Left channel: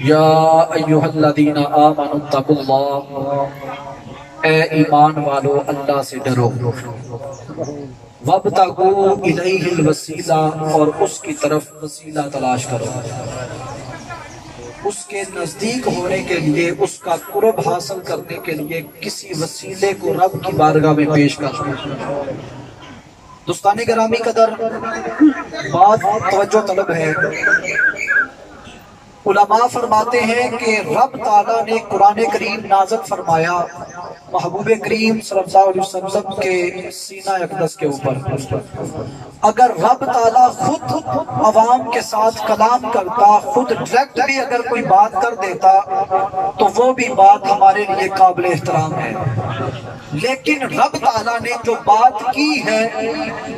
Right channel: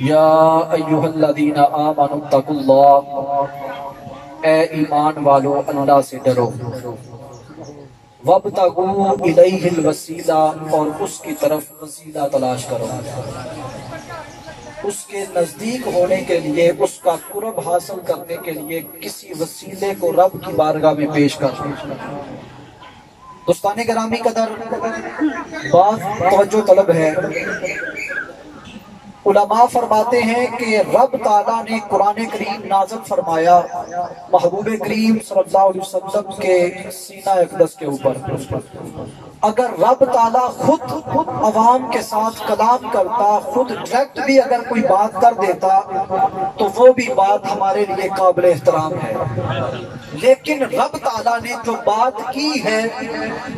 یا ایھا الذین آمنوا اتقوا اللہ، اے ایمان والو اللہ سے ڈرو، وابتغوا الیہ الوسیلہ، اور اس کی طرف وسیلہ تلاش کرو، اس کے نزدیک ہونے کے لیے، اس کا قرب حاصل کرنے کے لیے کسی وسیلے کو رب کی بارگاہ میں پیش کرو۔ دوستان گرامی قدر، بات توجہ طلب ہے۔ علماء فرماتے ہیں کہ رب تعالیٰ نے قرآن کریم نازل فرمایا محبوب کریم صلی اللہ علیہ وسلم کے سینہ اقدس کے اوپر۔ اگر رب تعالیٰ خود عوام کے ساتھ کلام کرتا، خود ڈائریکٹ بھی اگر کوئی بات کر دیتا تو وہ بھی بات ہمارے لیے قابل احترام ہے، لیکن رب تعالیٰ نے جو بات کی ہے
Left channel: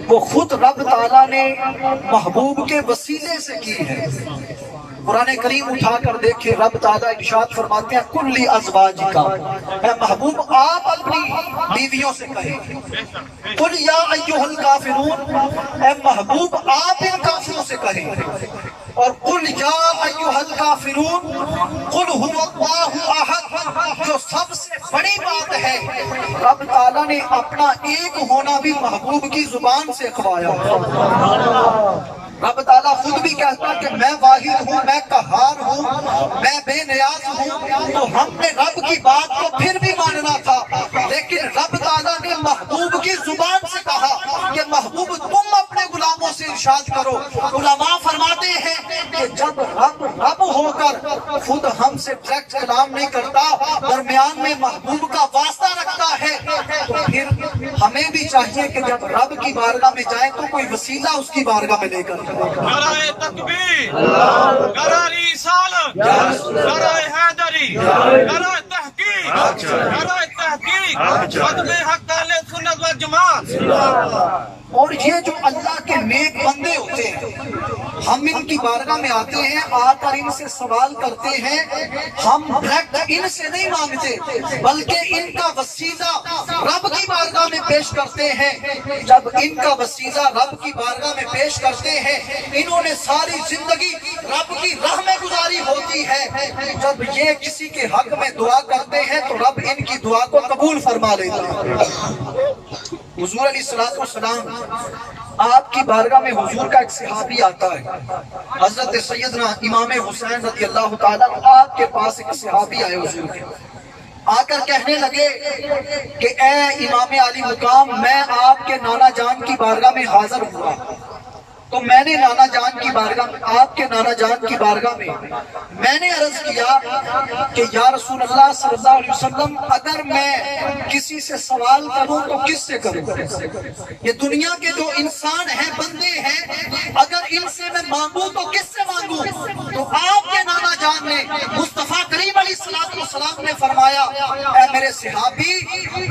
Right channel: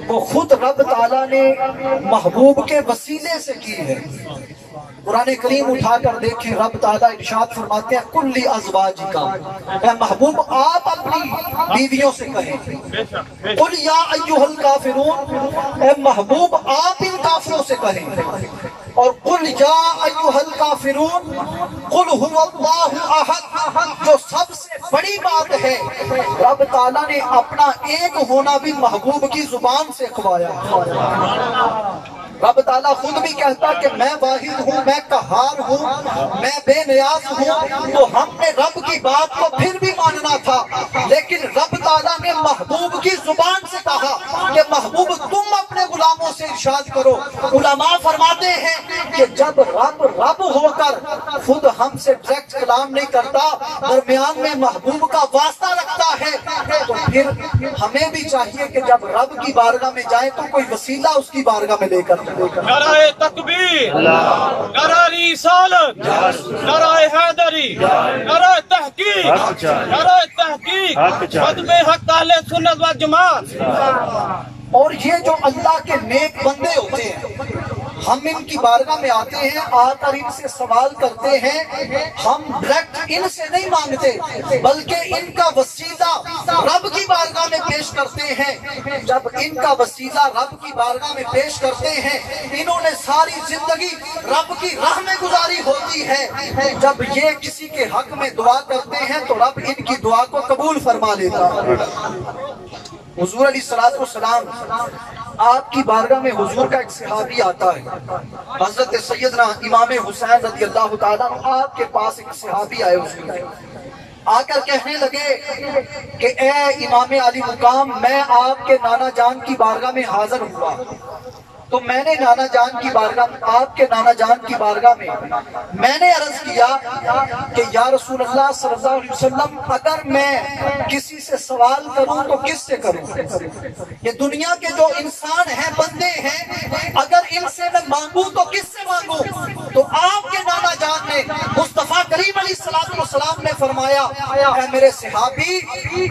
وہ خود رب تعالیٰ نے محبوب کے وسیلے سے کی ہے۔ قرآن کریم اٹھا کر دیکھیں، رب تعالیٰ ارشاد فرماتے ہیں کلی ازواجکا، اے محبوب آپ اپنی بیویوں سے کہیں، قل یا ایھا الکافرون، اے محبوب آپ ان کافروں سے کہیں، اور قل یا ایھا الکافرون قل ھو اللہ احد، جو سب سے بڑی بات ہے رب تعالیٰ نے اپنا ایک ہونا بھی محبوب کی زبان سے کھوایا۔ رب تعالیٰ خود بھی کہتا کہ میں واحد ہوں، میں قہار ہوں، میں بے نیاز ہوں، تو ہم نے رب کی بات کو پھر بھی ماننا تھا، لیکن رب تعالیٰ نے محبوب کی زبان سے کہا کہ محبوب تم اپنے غلاموں سے ارشاد کرو۔ علماء فرماتے ہیں کہ جب رب ہو کر خود ہم سے ڈائریکٹ کلام نہیں کرتا، درمیان میں محبوب کا واسطہ رکھتا ہے، تو پھر ہمیں بھی چاہیے کہ جب رب کی بارگاہ میں جائیں تو کوئی وسیلہ اس کی بارگاہ میں لے کر نعرہ تکبیر، نعرہ رسالت، نعرہ حیدری، نعرہ تحقیق، نعرہ تحقیق، خدمِ حق اہل سنت و جماعت۔ اور یہ جو اللہ کے نیک بندے ہوتے ہیں، ہم ان کی بارگاہ میں آتے ہیں، آ کر ان سے سوال کرتے ہیں، ہم ڈائریکٹ ان سے نہیں مانگتے بلکہ ان کا وسیلہ رب کی بارگاہ میں پیش کرتے ہیں۔ جب ان کا وسیلہ رب کی بارگاہ میں پیش کرتے ہیں، انہوں نے ساری زندگی رب کی راہ میں گزاری ہوتی ہے، جب یہ کسی کے حق میں دعا کرتے ہیں تو رب ان کی دعا کو قبول فرما لیتا ہے۔ حضور علیہ السلام آپ کی بارگاہ میں حضور کا ایک صحابی آتا ہے، حضرت سیدنا امام حسین رضی اللہ تعالیٰ آپ کے پاس ایک صحابی آئے حضور کے، آ کر کہنے لگے کہ اے امام علی مقام، میں آپ کے نانا جان کی بارگاہ میں حاضر ہوا، تو میں نے نانا جان کی بارگاہ میں، آپ کے نانا جان کی بارگاہ میں نے عرض کیا کہ یا رسول اللہ صلی اللہ علیہ وسلم، اگر میں کسی سے سوال کروں تو کس سے کروں؟ یہ دنیا کے جو انسان ہیں، بندے ہیں، اگر ان سے میں مانگوں تو کس سے مانگوں؟ تو آپ کے نانا جان نے، مصطفیٰ کریم علیہ السلام نے فرمایا، اے میرے صحابی،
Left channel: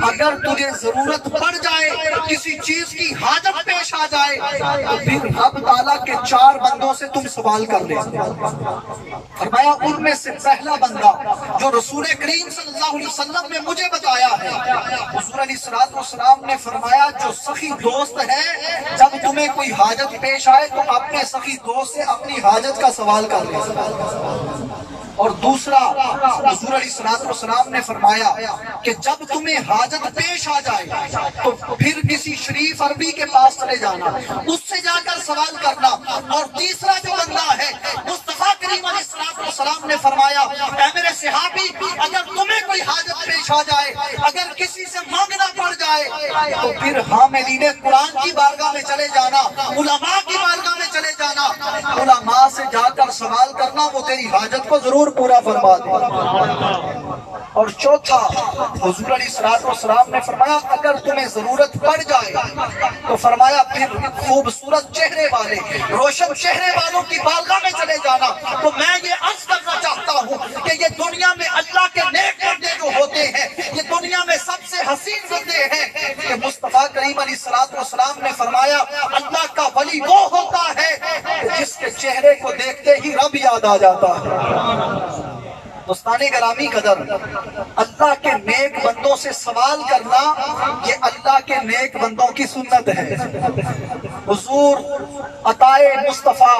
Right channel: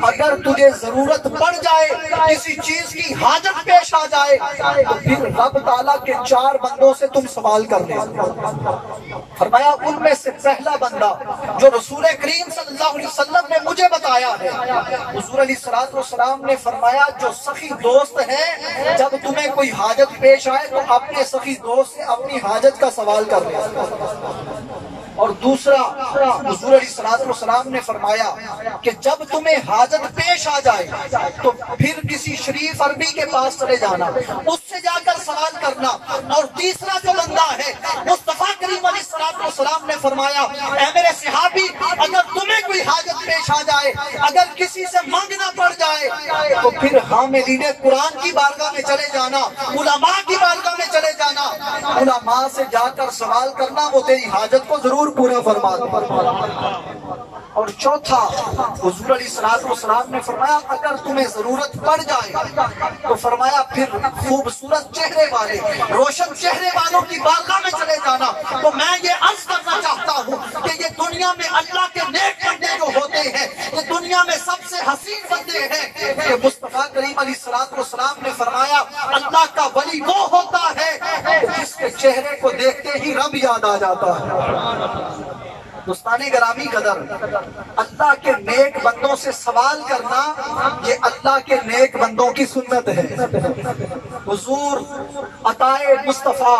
اگر تجھے ضرورت پڑ جائے، کسی چیز کی حاجت پیش آ جائے، تو پھر رب تعالیٰ کے 4 بندوں سے تم سوال کر لے۔ فرمایا ان میں سے پہلا بندہ جو رسول کریم صلی اللہ علیہ وسلم نے مجھے بتایا ہے، حضور علیہ السلام نے فرمایا جو سخی دوست ہے، جب تمہیں کوئی حاجت پیش آئے تو اپنے سخی دوست سے اپنی حاجت کا سوال کر لے۔ اور دوسرا، حضور علیہ السلام نے فرمایا کہ جب تمہیں حاجت پیش آ جائے تو پھر کسی شریف عربی کے پاس چلے جانا، اس سے جا کر سوال کرنا۔ اور تیسرا جو بندہ ہے، مصطفیٰ کریم علیہ السلام نے فرمایا، اے میرے صحابی، اگر تمہیں کوئی حاجت پیش آ جائے، اگر کسی سے مانگنا پڑ جائے، تو پھر حاملین قرآن کی بارگاہ میں چلے جانا، علماء کی بارگاہ میں چلے جانا، علماء سے جا کر سوال کرنا، وہ تیری حاجت کو ضرور پورا فرما دے۔ اور چوتھا، حضور علیہ السلام نے فرمایا اگر تمہیں ضرورت پڑ جائے تو فرمایا پھر خوبصورت چہرے والے، روشن چہرے والوں کی بارگاہ میں چلے جانا۔ تو میں یہ عرض کرنا چاہتا ہوں کہ یہ دنیا میں اللہ کے نیک بندے جو ہوتے ہیں، یہ دنیا میں سب سے حسین بندے ہیں کہ مصطفیٰ کریم علیہ السلام نے فرمایا اللہ کا ولی وہ ہوتا ہے جس کے چہرے کو دیکھتے ہی رب یاد آ جاتا ہے۔ دوستان گرامی قدر، اللہ کے نیک بندوں سے سوال کرنا یہ اللہ کے نیک بندوں کی سنت ہے۔ حضور عطائے مصطفیٰ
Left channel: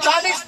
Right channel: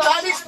40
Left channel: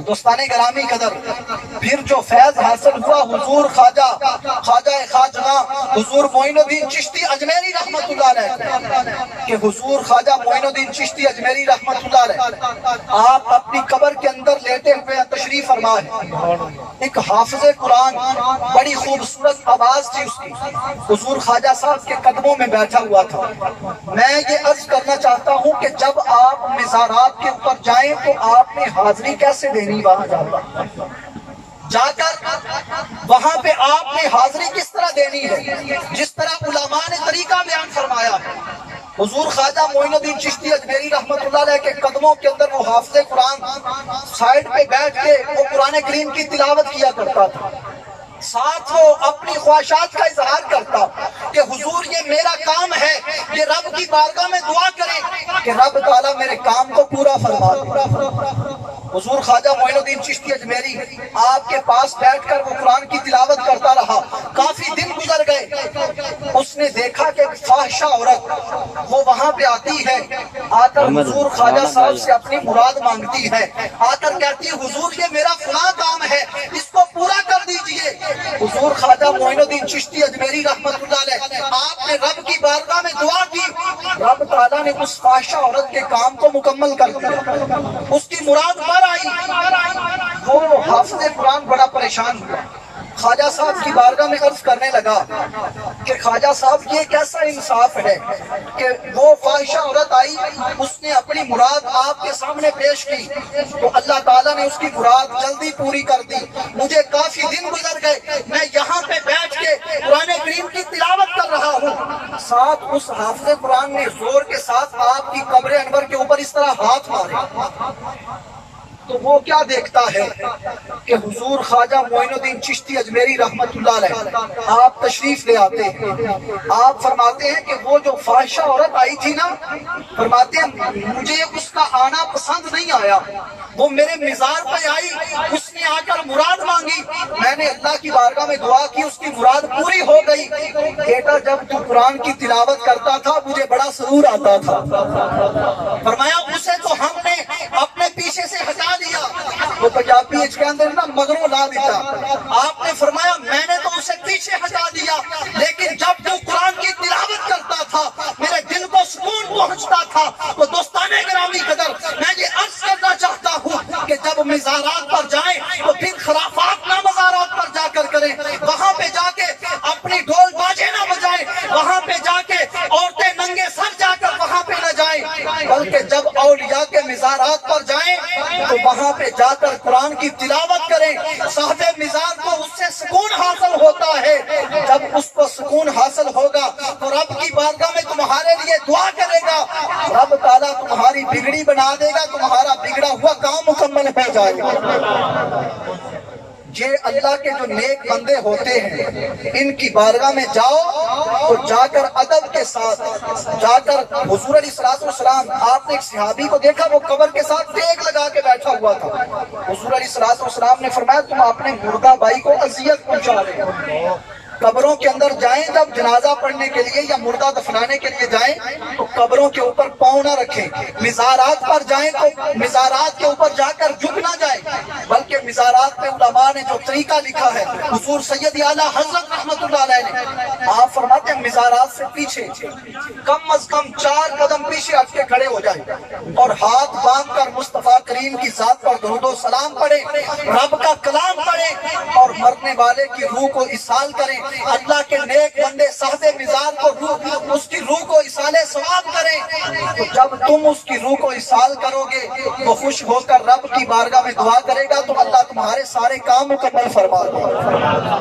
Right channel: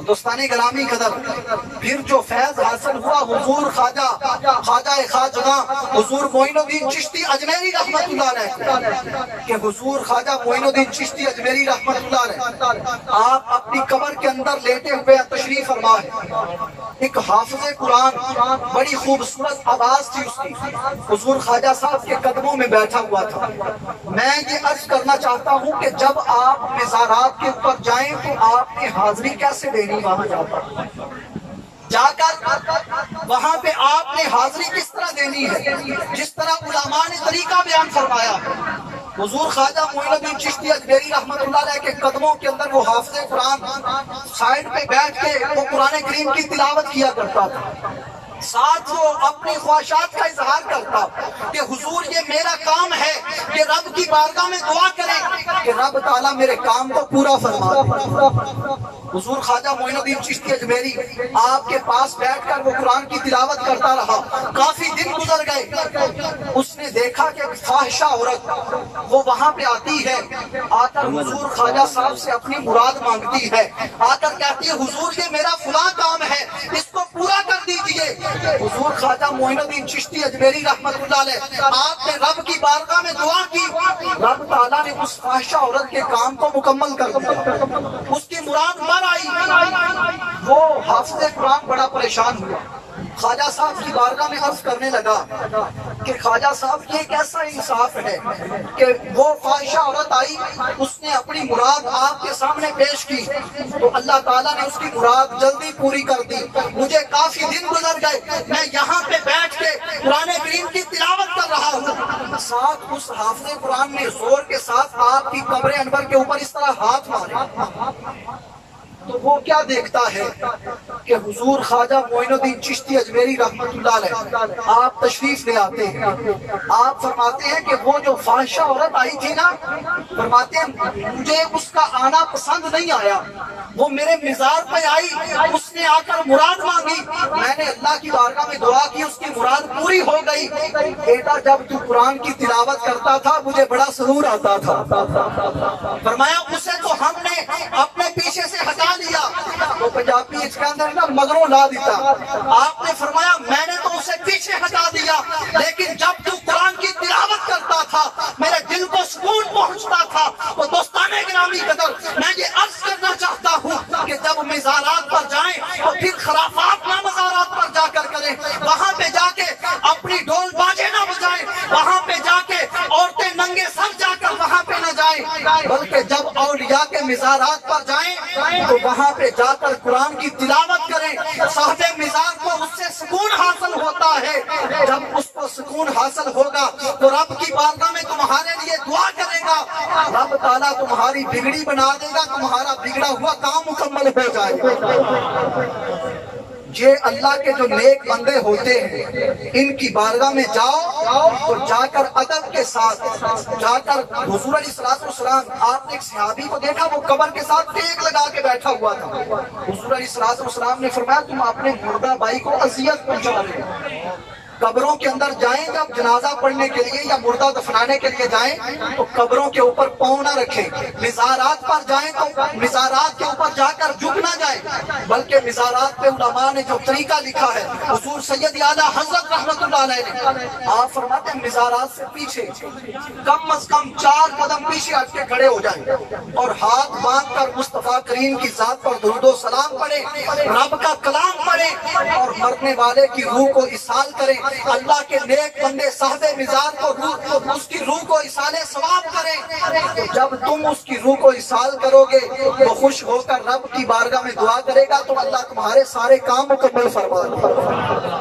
اور دوستان گرامی قدر پھر جو فیض حاصل ہوا حضور خواجہ خواجہ حضور معین الدین چشتی اجمیری رحمت اللہ علیہ کہ حضور خواجہ معین الدین چشتی اجمیری رحمت اللہ علیہ آپ اپنی قبر کے اندر لیٹے ہوئے تشریف فرما ہے. ایک حافظ قرآن بڑی خوبصورت آواز تھی اس کی, حضور خواجہ صاحب کے قدموں میں بیٹھا ہوا تھا. میں یہ عرض کرنا چاہتا ہوں کہ جب آپ مزارات کے اوپر جائیں تو آپ نے حاضری کیسے دینی وہاں جا کر وہاں پہ آپ نے حاضری کس طرح دینی ہے, جس طرح علماء نے طریقہ بیان فرمایا ہے. حضور خواجہ معین الدین چشتی اجمیری رحمت اللہ علیہ کے قدموں کے اندر وہ حافظ قرآن سائیڈ پہ بیٹھ کے وہ قرآن کریم کی تلاوت کیا کرتا تھا. ساتھ وہ اپنی خواہشات کا اظہار کرتا کہ حضور یہ میرا کام ہے کہ رب کی بارگاہ میں دعا کریں کہ رب تعالیٰ میرے کام کو پورا فرما دے. حضور خواجہ معین الدین چشتی اجمیری آپ کے پاس بیٹھ کر وہ قرآن کی تلاوت کرتا رہا. کافی دن گزر گئے. اس نے دیکھا کہ ایک فاحشہ عورت وہ وہاں پہ آتی ہے, آ کر حضور خواجہ صاحب سے اپنی مراد مانگتی ہے. آ کر کہتی ہے حضور یہ میرا فلاں کام ہے, اس کو پورا کر دیجئے. حضور خواجہ معین الدین چشتی اجمیری رحمت اللہ علیہ آپ نے رب کی بارگاہ میں دعا کی, رب تعالیٰ نے اس فاحشہ عورت کے کام کو مکمل کر دیا. اس کی مراد بر آئی. وہ حافظ قرآن بڑا پریشان ہوا, خواجہ صاحب کی بارگاہ میں عرض کرنے لگا کہ خواجہ صاحب یہ کیسا انصاف ہے کہ وہ فاحشہ عورت آئی, اس نے اپنی مراد آپ کے سامنے پیش کی تو اللہ تعالیٰ نے اس کی مراد جلدی پوری کر دی. مجھے کافی دن گزر گئے, میں یہاں پہ بیٹھ کے قرآن کریم کی تلاوت کر رہا ہوں. ساتھ اس حافظ قرآن نے زور کے ساتھ آپ کی قبر انور کے اوپر اس طرح ہاتھ مارے تو وہ کیا دیکھتا ہے کہ حضور خواجہ معین الدین چشتی اجمیری رحمت اللہ علیہ آپ تشریف لے آتے ہیں. آپ فرماتے ہیں کہ وہ جو فاحشہ عورت آئی تھی نا, فرماتے ہیں مجھے اس کا آنا پسند نہیں آیا. وہ میرے مزار پہ آئی, اس نے آ کر مراد مانگی, میں نے اللہ کی بارگاہ میں دعا کی, اس کی مراد پوری ہو گئی. بیٹا جب تو قرآن کی تلاوت کرتا تھا مجھے بڑا سرور آتا تھا. فرمایا اسے تو ہم نے اپنے پیچھے سے ہٹا دیا, وہ پنجابی اس کے اندر نا مگروں لا دیتا. آپ نے فرمایا میں نے تو اسے پیچھے ہٹا دیا, لیکن جب تو قرآن کی تلاوت کرتا تھا میرے دل کو سکون پہنچتا تھا. تو دوستان گرامی قدر میں یہ عرض کرنا چاہتا ہوں کہ جب مزارات پر جائیں تو پھر خرافات نہ مزارات پر جا کر کریں, وہاں پہ جا کے اپنی ڈھول باجے نہ بجائیں, وہاں پہ جا کے عورتیں ننگے سر جا کر وہاں پہ نہ جائیں, بلکہ جب اولیاء کے مزارات پر جائیں تو وہاں پہ جا کر قرآن کی تلاوت کریں. صاحب مزار کو اس سے سکون حاصل ہوتا ہے. جب اس کو سکون حاصل ہوگا تو رب کی بارگاہ میں تمہارے لیے دعا کرے گا, رب تعالیٰ تمہاری بگڑی بنا دے گا, تمہارا بگڑا ہوا کام مکمل ہو جائے گا. یہ اللہ کے جو نیک بندے ہوتے ہیں ان کی بارگاہ میں جاؤ تو جا کر ادب کے ساتھ جا کر حضور علیہ السلام, آپ نے ایک صحابی کو دیکھا وہ قبر کے ساتھ ٹیک لگا کے بیٹھا ہوا تھا. حضور علیہ السلام نے فرمایا تم اپنے مردہ بھائی کو اذیت پہنچا رہے ہو. قبروں کے اندر جائیں جب جنازہ پڑھنے کے لیے یا مردہ دفنانے کے لیے جائیں تو قبروں کے اوپر پاؤں نہ رکھیں. مزارات پر جائیں تو مزارات کے اوپر جا کر جھک نہ جائیں, بلکہ مزارات پہ علماء نے جو طریقہ لکھا ہے حضور سید اعلیٰ حضرت رحمت اللہ علیہ نے, آپ فرماتے ہیں مزارات سے پیچھے کم از کم 4 قدم پیچھے ہٹ کے کھڑے ہو جائیں اور ہاتھ باندھ کر مصطفیٰ کریم کی ذات پر درود و سلام پڑھیں, رب کا کلام پڑھیں اور مرنے والے کی روح کو اسال کریں. اللہ کے نیک بندے صاحب مزار کو اس کی روح کو اسال ثواب کریں. جب تم اس کی روح کو اسال کرو گے تو خوش ہو کر رب کی بارگاہ میں دعا کرے گا تو اللہ تمہارے سارے کام مکمل فرما دے گا.